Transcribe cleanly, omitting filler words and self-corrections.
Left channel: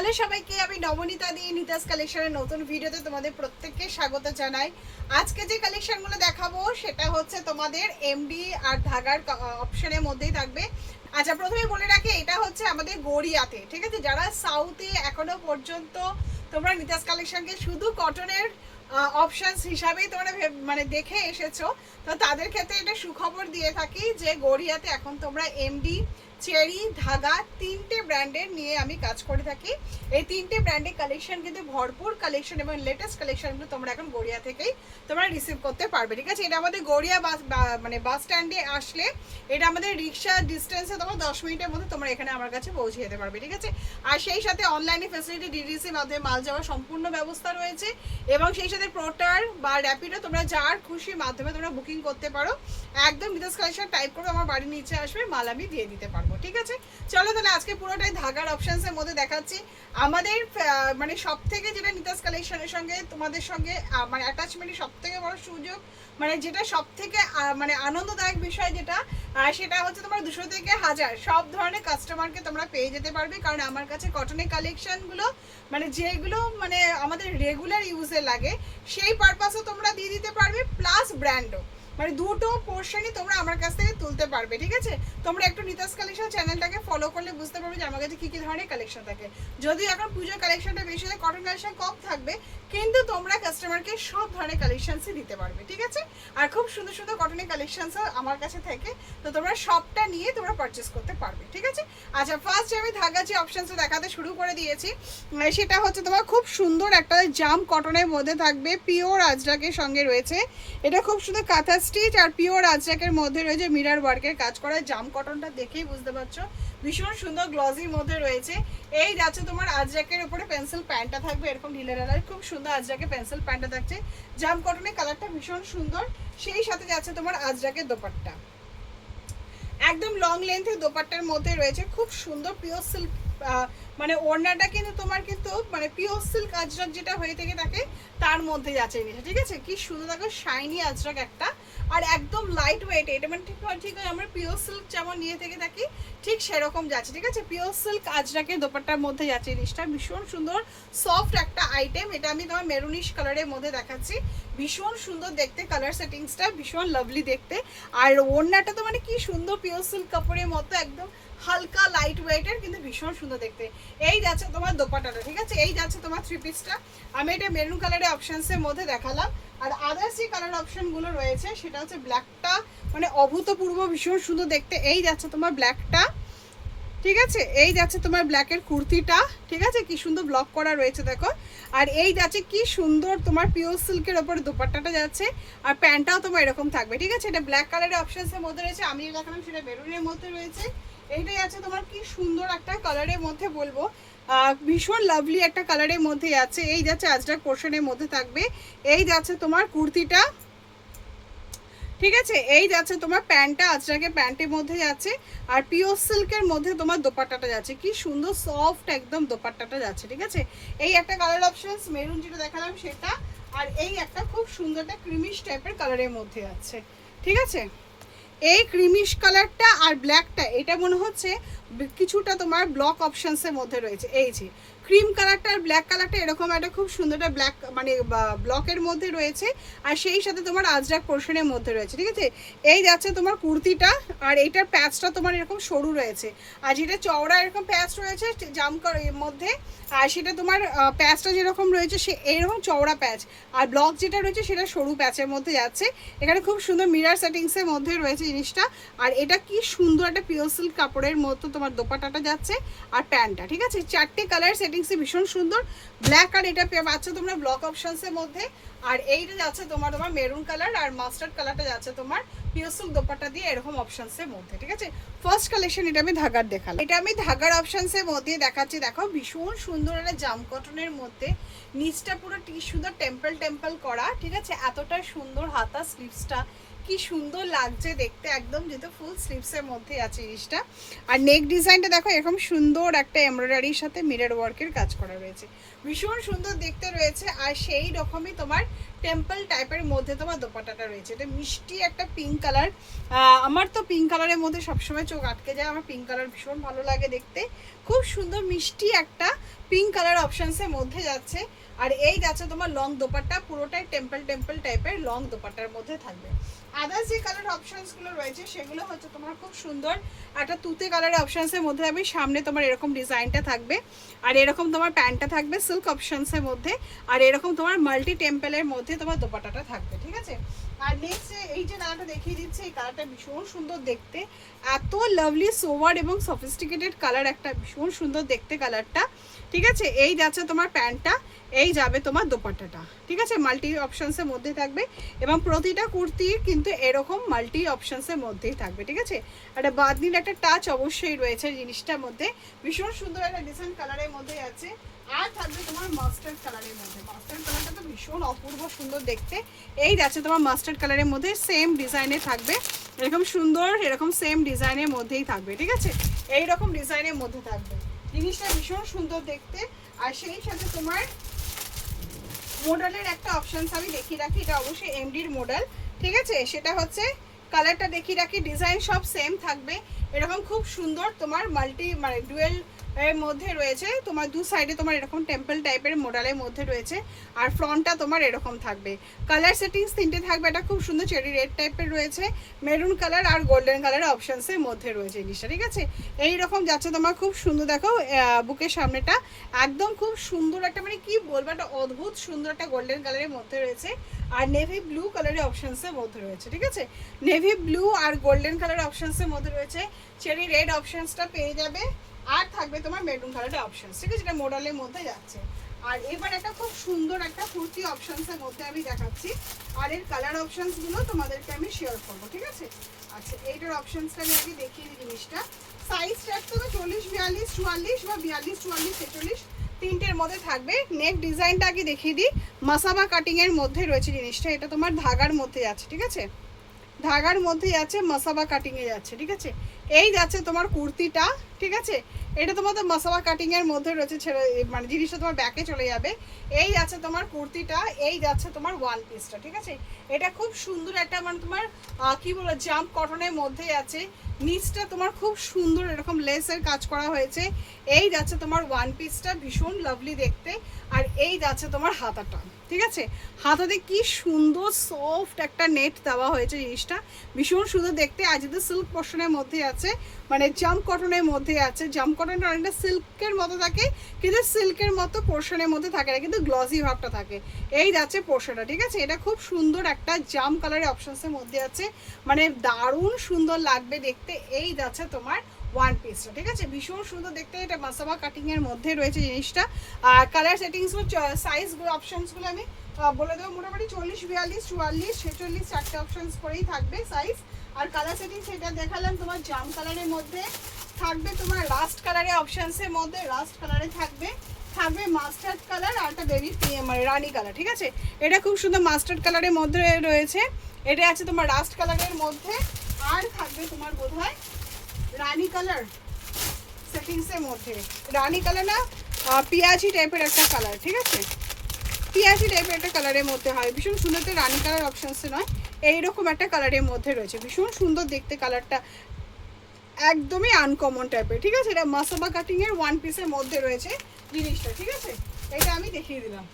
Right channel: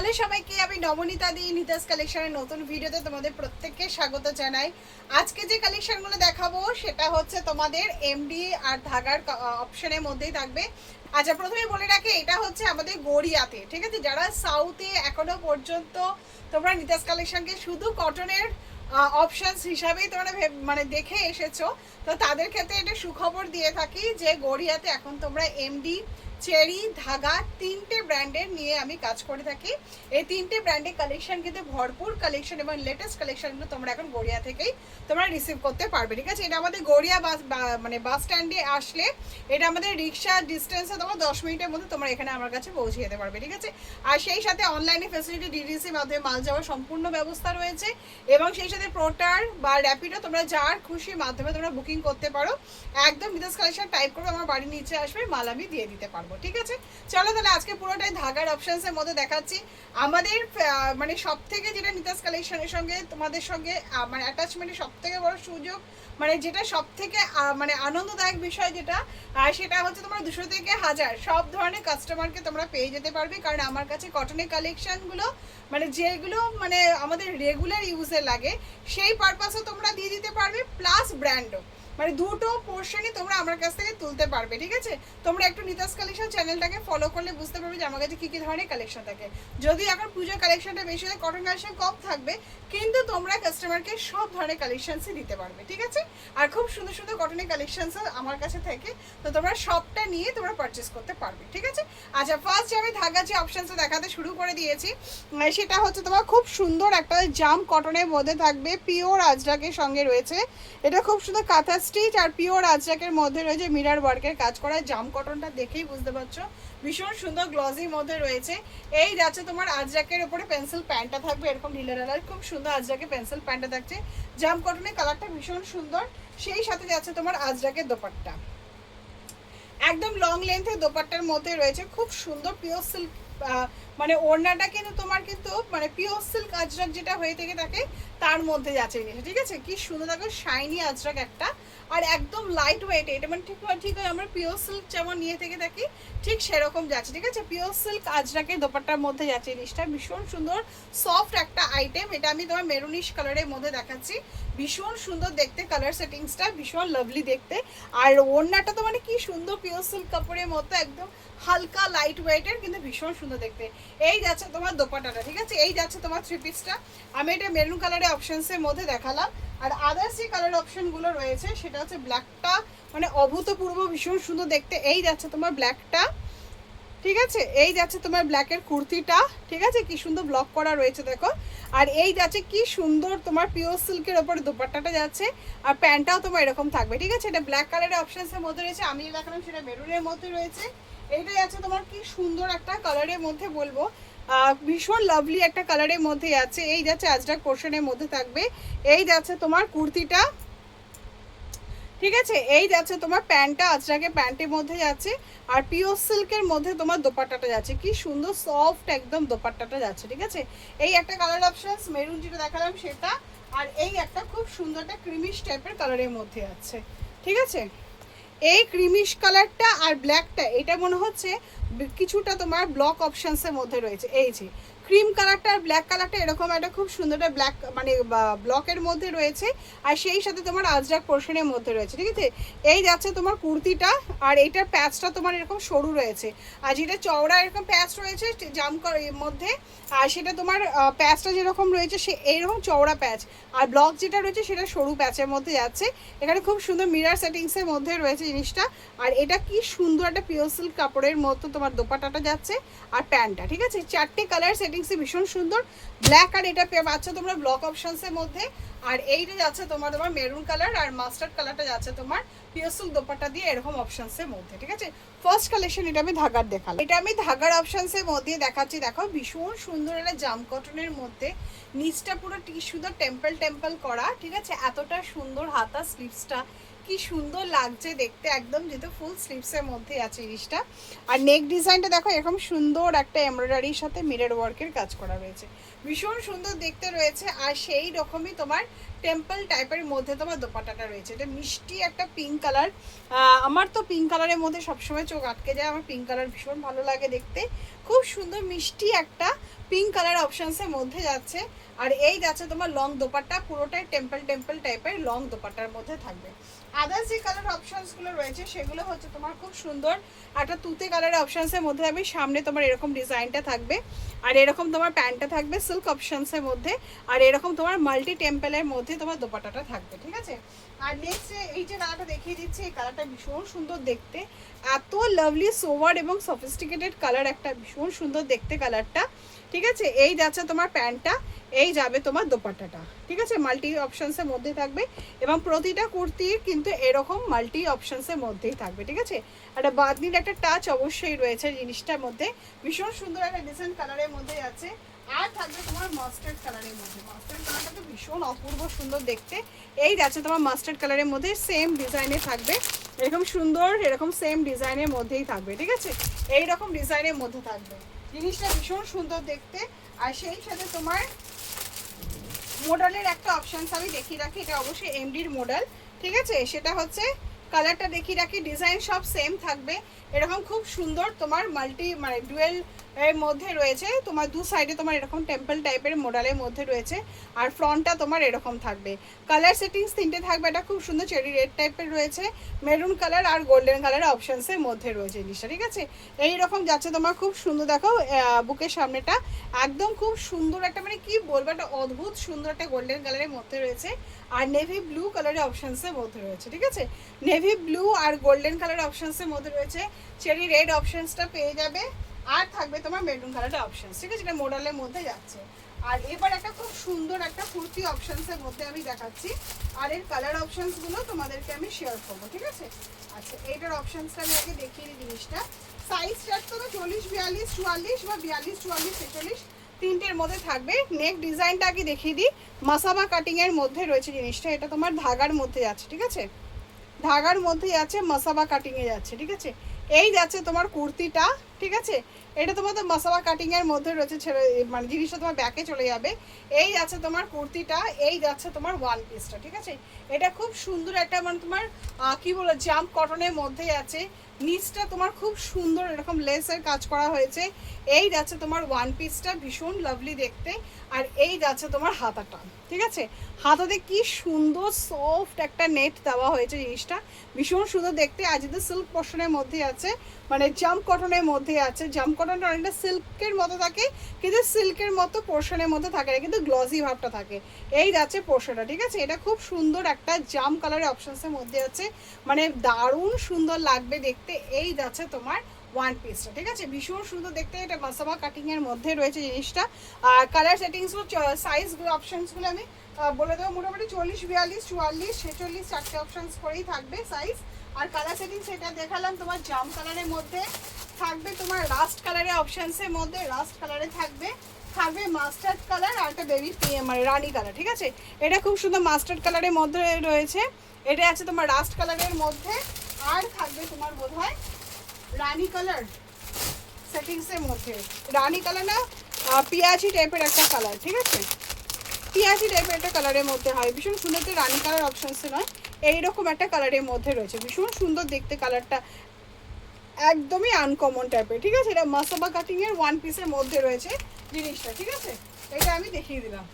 Hello সবাইকে, আমি নবনীতা দি নিতাস কালেকশনের নতুন ভিডিওতে তোমাদের প্রত্যেককে স্বাগত জানাই। আজকে যে কালেকশনগুলো দেখাবো সেটা হচ্ছে তোমাদের এমডি আর ধাগার অপশনের মধ্যেই থাকবে। আচ্ছা, প্রথমেই বলে রাখি এটা হচ্ছে আমাদের গড়িয়াতে, ঠিক আছে? যারা সাউথে এখনো পর্যন্ত তোমরা নিতাস কালেকশনকে শুধু কটনের অপশনস হিসাবেই তোমরা মানে দেখে এসেছো, তো তাদের ক্ষেত্রে এটা সুখবর দিয়ে থাকি যে গড়িয়াতে এখন তোমরা এমডি, চেরি, ধাগা তিনটে ব্র্যান্ডের নিয়ে আমি কাজ করে থাকি। এই তিনটে ব্র্যান্ডের কালেকশন কিন্তু ভরপুর কালেকশন এবং লেটেস্ট কালেকশনগুলো তোমরা এখন গড়িয়া থেকেই তোমরা রিসিভ করতে পারবে, ঠিক আছে? এটা আমাদের গড়িয়া মানে বাস স্ট্যান্ডে আসলে এটা আমাদের রিক্সা ডিস্টেন্সে তোমার 10 মিনিটের মধ্যে তোমরা এখানে আমার কাছে পৌঁছে যেতে পারবে, ঠিক আছে? আর সেই সাথে অনলাইনে ফেসিলিটি ডিডিসির মাধ্যমে মাল যাওয়ার সম্পূর্ণ ব্যবস্থা রয়েছে এবং সেই সাথে পোর্টার বা র্যাপিডো তোমরা যার খুশি মাধ্যমে তোমরা বুকিং করতে পারো। একদম বিদেশ কালেকশন টাইপ করবে, আমার বাড়ির নিচে আসবে, মাল আমি দিয়ে দিতে পারবো, ঠিক আছে? চলো তাহলে আজকে পুরোটাই ধাগার অপশনসের মধ্যে দেখাচ্ছি। আমাদের মানে সব থেকে যেটা নিতাস কালেকশনের সঙ্গে তোমাদের সঙ্গে মানে অ্যাটাচমেন্টের সব থেকে বড় সুযোগ, মানে যেটা সব থেকে মানে আনন্দদায়ক বিষয় যেটা, সেটা হচ্ছে তোমার 200 থেকে 1000 সব ধরনের কাস্টমারকে তোমরা পেয়ে যেতে পারবে। কারণ আমার কাছে কটনের কালেকশনগুলো মানে যেগুলো মানে আমাদের রেগুলার ইউজে লাগে সেই পারপাসে তোমরা দিয়ে দিতে পারবে, প্লাস ব্র্যান্ডও, মানে দুটো পোর্শনই তোমরা আমার কাছ থেকে তুলতে পারবে, ঠিক আছে? তোমরা একটু নিতাস কালেকশন চ্যানেলটাকে ফলো করলে বুঝতে পারবে যে আমার কাছে কী কী ধরনের কালেকশন থাকে। যদি এখন পুজোর কালেকশনটা বেশি হয়, কটন কালেকশন কম থাকবে, কিন্তু তোমরা কাস্টমারকে সব ধরনের কালেকশনসই দিতে পারবে, ঠিক আছে? আর খুব সুন্দর সুন্দর কটনের কালেকশনস আমার কাছে থাকে, তো তোমরা সবটা নিয়ে তোমরা পারচেস করতে পারবে, ঠিক আছে? আচ্ছা, ফার্স্ট আমি ধাগা যে অপশনসটা দেখাতে শুরু করে দিয়েছি, সেটা হচ্ছে তোমার খুব সুন্দর একটা জাম কটনের মধ্যে থাকবে, পিওর আজরাকের সঙ্গে রয়েছে। এটা খুব সুন্দর কাঁথা স্টিচ আর পিওর আজরাকের মধ্যে রয়েছে মিরর ওয়ার্কের কাজ করা। জাম কটনটা দেখেই বুঝতে পারছো ভীষণ সুন্দর গ্লজির মধ্যে রয়েছে। এই যাচ্ছে তোমার আজরাকের উপরে পেন্সিল প্যান্টটা থাকবে এরকম ঢিলে ঢালার, খুব সুন্দর আজরাকের পেন্সিল প্যান্টটা থাকছে। জাম কটনের কালারটা ভীষণ সুন্দর। সেই সাথে যাচ্ছে তোমার আজরাকের দোপাট্টা, একদম লং লেন্থের দোপাট্টার মধ্যে রয়েছে খুব সুন্দর পিওর সিল্ক, মানে ওড়নাটা কিন্তু তোমার কিন্তু মানে পিওর সিল্ক আজরাক যেটা হয়ে থেকে থাকে তার মধ্যে যাচ্ছে জিনিসটা, ঠিক আছে? কি সুন্দর দেখো, শাইনি আজরাক একটা, আর একদম লাইট ওয়েট। এটা মানে ঠিক হয় আমরা পিওর সিল্ক যেমন নিয়ে থেকে থাকি ঠিক সেরকম যাচ্ছে, ঠিক আছে? পিওর সিল্ক আজরাকের দোপাট্টার মধ্যে যাচ্ছে জিনিসটা, ভীষণ সুন্দর সফট একটা আইটেম। এটা আমি তোমার মেরুনিশ কালারের মধ্যে দেখাচ্ছি, ভীষণ সুন্দর দেখতে, কালার সেটিংসটা ভীষণ লাভলি দেখতে। আর ওড়নাটা তো মানে কি সুন্দর পিওর সিল্ক কাপড়ের মতো, একদম হালকা লাইট ওয়েটের, কিন্তু ভীষণ সুন্দর দেখতে। এই যাচ্ছে তোমার দোপাট্টাটা, ঠিক আছে? এই যাচ্ছে তোমার থ্রি পিসটা, আমি এটা মেরুন কালারের অপশনসের মধ্যে দেখালাম। আর আদার্স যে কালার অপশনগুলো রয়েছে সেটা হচ্ছে ব্ল্যাকটা, মানে অভূতপূর্ব ভীষণ সুন্দর দেখতে। এই যাচ্ছে তোমার ব্ল্যাকটা, ঠিক আছে? এই যাচ্ছে তোমার ব্ল্যাকের কুর্তিটা, ঠিক আছে? কি সুন্দর ব্লক করা রয়েছে দেখো। আর এই যাচ্ছে কি সুন্দর তোমার পিওর সিল্কের ওপরে দোপাট্টাটা যাচ্ছে, আর প্যান্টটাও তোমার এরকম থাকবে, ঠিক আছে? এটা ব্ল্যাক কালারের অপশনসের মধ্যে রয়েছে, আমি দেখালাম সেটা মেরুনের মধ্যে রয়েছে। এইটাই আছে তোমার কি সুন্দর একটা কালারের মধ্যে, বলবো ভীষণ লাভলি একটা কালারের মধ্যে যাচ্ছে। এই যাচ্ছে আজরাক পোর্শনের মধ্যে থাকবে। এই যাচ্ছে তোমার কুর্তিটা, ঠিক আছে? এই যাচ্ছে তোমার প্যান্টটা আজরাকের প্যান্টের মধ্যে যাচ্ছে, আর পিওর সিল্কের মধ্যে তোমার দোপাট্টাটা যাচ্ছে, কি সুন্দর সফট একদম দোপাট্টাটা যাচ্ছে, ঠিক আছে? এই একটা কালার অপশনস মেরুন যেটা দেখালাম সেটা, আর এই একটা খুব সুন্দর একটা ক্রিমিশ টাইপের কালারের মধ্যে যাচ্ছে, ঠিক আছে? এই ক্রিমিশ কালারটা আর ব্ল্যাকটা এটা মনে হচ্ছে কিছুটা তোমার ব্লক অপশনসের মধ্যে রয়েছে। এই যে ক্রিম কালারটা আর ব্ল্যাক কালারটা এরকম একটা খুব সুন্দর একটা ব্ল্যাক মানে ব্লকের মধ্যে রয়েছে, আর সেই সাথে তোমার আজরাক পোর্শনের মধ্যে রয়েছে, ঠিক আছে? এই যাচ্ছে তোমার কুর্তিটা, আর এইটার প্যাচটা তোমার এরকম সরু রয়েছে, আর যেটা চওড়া এরকম প্যাচ রয়েছে জাম মধ্যে, আর সেটা তোমার প্যাচটা যেরকম রয়েছে সে এইরকম চওড়া প্যাচ, আর ব্লক যেটা রয়েছে সেটা সরু প্যাচের মধ্যে যাচ্ছে। এখানে খুব সুন্দর মিরার সেটিংসের মধ্যে রয়েছে জিনিসটা। আর এটা কি সুন্দর একটা পিওর সিল্ক কাপড়ের মতো তোমার দোপাট্টাটা যাচ্ছে, আর প্যান্টটা, ঠিক আছে? চারটে কালার সেটিংসে ভীষণ সুন্দর। ব্ল্যাক আর এটা পাচ্ছ তোমরা ব্লক অপশনসের মধ্যে, আর এইটা যাচ্ছে তোমার মেরুন কালার, আর মাস্টার্ড কালারটা যাচ্ছে তোমার পিওর সিল্ক দোপাট্টা দিয়ে এরকম অপশনসের মধ্যে, ঠিক আছে? ফার্স্ট কালেকশন এটা আমি ধাগার দেখালাম, এটা আমি ধাগার অপশনসের মধ্যে দেখাচ্ছি। দেখো ভীষণ সুন্দর একটা জাম কটনের মধ্যে, নিচটা পুরো সুন্দর টেম্পল টেম্পল করা, ঠিক আছে? এতটা সুন্দর হাতা স্লিভসটা কি সুন্দর লাগছে দেখতে, একদম যেহেতু ফুল স্লিভসের মধ্যে আছে জিনিসটা। আর নেক ডিজাইনটা দেখো এরকম সুন্দর একটা এমব্রয়ডারির সাথে মিরর ওয়ার্কের কাজ করা রয়েছে, ভীষণ সুন্দর দেখতে রয়েছে। আর সেই রকমই তোমার টেম্পল টাইপের মধ্যে তোমার দোপাট্টাটা রয়েছে, এটা মিষ্টি একটা পিঙ্ক কালার। আমার তো পিঙ্ক কালারের মধ্যে সবসময় চোখ আটকে যায়, আমার পিঙ্ক কালার ভীষণ ভালো লাগে দেখতে, খুব সুন্দর মিষ্টি একটা পিঙ্ক কালার অপশনসের মধ্যে যাচ্ছে। আর এই যাচ্ছে তোমার লং দোপাট্টা, পুরোটাই টেম্পল টেম্পল টাইপের লং দোপাট্টার মধ্যে থাকবে। আদার্স যে কালার অপশনসগুলো রয়েছে সেগুলো হচ্ছে তোমার খুব সুন্দর একটা তুতে কালার অপশনসের মধ্যে থাকবে। সামনে তোমার এরকম ডিজাইনটা থাকবে, আর এরকম তোমার প্যান্টটা থাকবে সিল্ক অপশনসের মধ্যে, আর এরকম তোমার মাল্টি টেম্পলের মধ্যে তোমার দোপাট্টাটা থাকবে, ঠিক আছে। আর নেক্সট এই যে কালারটা দেখিয়ে দিচ্ছি, এই কালারটা ভীষণ সুন্দর দেখতে, এত লাভলি সোভার এবং সফিস্টিকেটেড কালার, একটা ভীষণ সুন্দর দেখতে কালারটা, ঠিক আছে। এই যাচ্ছে তোমার প্যান্টটা, এই যাবে তোমার দোপাট্টাটা, ঠিক আছে। মাল্টি অপশনসের মধ্যে থাকবে এবং প্রতিটা কুর্তির কিন্তু এরকম মাল্টি অপশনসের মধ্যেই থাকবে, ঠিক আছে। একটা বাদনির একটা টাচ অবশ্যই রয়েছে জিনিসটার মধ্যে, ভীষণ সুন্দর একটা ডিজাইন কালারের মধ্যে আছে। আর থাকবে তোমার মাস্টার্ড কালারের মধ্যে, মাস্টার্ড কালারটা তো ভীষণ অপূর্ব সুন্দর দেখতে। এই যাচ্ছে তোমার মাস্টার্ড কালারের মধ্যে, সেম ডিজাইনে থাকবে, এরকম সুন্দর এরকম সেম ডিজাইনের মধ্যেই থাকবে, ঠিক আছে। এইরকম ডিজাইনের মধ্যে থাকবে, জিনিসটা ভীষণ সুন্দর দেখতে। আর সেই সাথে তোমার মডেলের একটা অপশানস আমি দেখিয়ে রাখি, এটা অবশ্যই এমডির মডেল, ঠিক আছে। সেটা হচ্ছে কালারটা দেখিয়ে রাখি, ডিজাইন সব সেম থাকবে, এরকম খুব সুন্দর তোমার মাল্টি মানে ডুয়েল এর মধ্যে রয়েছে, তোমার দু সাইডে তোমার এরকম টেম্পল টাইপের মডেলের মধ্যে রয়েছে, আর ফ্রন্টটা তোমার এরকম থাকবে। কালার সেটিংস তিনটে থাকবে, এটা খুব সুন্দর চেরি রেড টাইপের রয়েছে, মেরুন কালার আর গোল্ডেন কালার অপশানসের মধ্যে রয়েছে জিনিসটা, ঠিক আছে। এইরকম যাচ্ছে তোমার খুব সুন্দর, দেখো বুকের সামনেটা একদম খুব সুন্দর একটা মানে কি বলবো একটা অদ্ভুত সুন্দর একটা গোল্ডেন কালারের মধ্যে রয়েছে, আর নেভি ব্লু কালারের অপশানসের মধ্যে রয়েছে, ঠিক আছে। নেভি ব্লু আর গোল্ডেন কালার অপশানসের মধ্যে রয়েছে, চেরি রেড অপশানসটা পেয়ে যাবে, আর থাকবে তোমার মেরুন কালারের অপশানস, ঠিক আছে, যেটা মডেলের মধ্যে যাচ্ছে। আর এবার একটা খুব সুন্দর একটা কুর্তি অপশানসের মধ্যে আমি দেখাচ্ছি, আর এর কালার অপশানসগুলো তোমাদেরকে আমি শেয়ার করবো, ঠিক আছে। আচ্ছা, এইটার অপশানসটা আমি আগে দেখিয়ে দিই জিনিসটা। সাইজটা তো 40, 42, 44 বা 42, 44, 46 তিনটের মধ্যে থাকবে। নেক ডিজাইনটা আগে দেখিয়ে দিই, মাসাবা কাটিংয়ের মধ্যে রয়েছে জিনিসটা, এটা তোমার ধাগার মধ্যে যাচ্ছে, ঠিক আছে, ধাগার মধ্যে যাচ্ছে, মাসাবা কাটিংয়ে যাচ্ছে, ঠিক আছে। এই যাচ্ছে তোমার কুর্তিটা, ঠিক আছে, এটা তোমাদের মাসাবা কাটিংয়ের মধ্যে রয়েছে, মানে জিনিসটা তোমার ব্যাকে চলে যাবে। এই যাচ্ছে তোমার কুর্তিটা, এই যাচ্ছে তোমার ওয়ান পিসটা, ঠিক আছে। এটা খুব সুন্দর একটা মানে তোমার কি বলো জাম্প কটনের মধ্যে আছে, নিচটা তোমার খুব সুন্দর এরকম লেসের কাজ করা হয়েছে। এই যাচ্ছে তোমার ওয়ান পিসটা, ভীষণ লাভলি দেখতে। আর এই যাচ্ছে তোমার হাতাটা, ঠিক আছে, হাতাতে কি সুন্দর সফট একটা নেট দেওয়া হয়েছে, জিনিসটা ভীষণ সুন্দর দেখতে। আর যদি সিল্ক পোর্শনের মধ্যে আছে, মানে জাম্প কটনের মধ্যে আছে, জাম্প কটনটা অনেকটা সিল্কের মতো থাকে, কিন্তু সিল্কের মতো পোর্শনের মধ্যে থাকে না, কিন্তু গ্লসি ভাবটা থাকে। এই যাচ্ছে পোর্শনটা, ঠিক আছে। এটা খুব সুন্দর একটা জাম কালারের অপশনসের মধ্যে আছে, মানে দারুণ সুন্দর লাগবে দেখতে। এই যাচ্ছে তোমার ওয়ান পিসটা, ঠিক আছে, ভীষণ সুন্দর দেখতে। এটা মাসাবা কাটিংয়ের মধ্যে রয়েছে জিনিসটা। আর কালার সেটিংসগুলো সাইজগুলো অপশানসগুলো আমি বলে দেবো, মোটামুটি 40, 42, 44, 46 চারটে অপশানস করেই থাকবে সাইজ। আর কালার সেটিংস এটা দেখালাম তোমার জাম কালারের মধ্যে থাকবে, তোমার রাস্ট কালারের অপশানসের মধ্যে রাস্ট কালারে থাকবে, থাকবে মাস্টার্ড কালার আর একটা বেবি মানে রানি কালার, ঠিক আছে। এটা খুব সুন্দর মাস্টার্ড কালারের মধ্যে রয়েছে, এটা আছে তোমার রাস্ট কালারের মধ্যে, আর থাকবে তোমার বোধহয় রানি কালার সেটিংসের মধ্যে, রানি কালার না পিয়াজি টাইপের একটা কালার, ঠিক আছে, পিয়াজি টাইপের একটা কালারের মধ্যে হয়, ভীষণ সুন্দর। রানি কালার অপশানসে নয়, এইরকম একটা কালারের মধ্যে রয়েছে, ভীষণ সুন্দর দেখতে কালারটা, একদমই আনকমন টাইপের, ঠিক আছে। এটা মাসাবা কাটিংয়ের ওয়ান পিসের মধ্যে রয়েছে জিনিসটা, ঠিক আছে। এটা আমি দেখিয়ে দিলাম।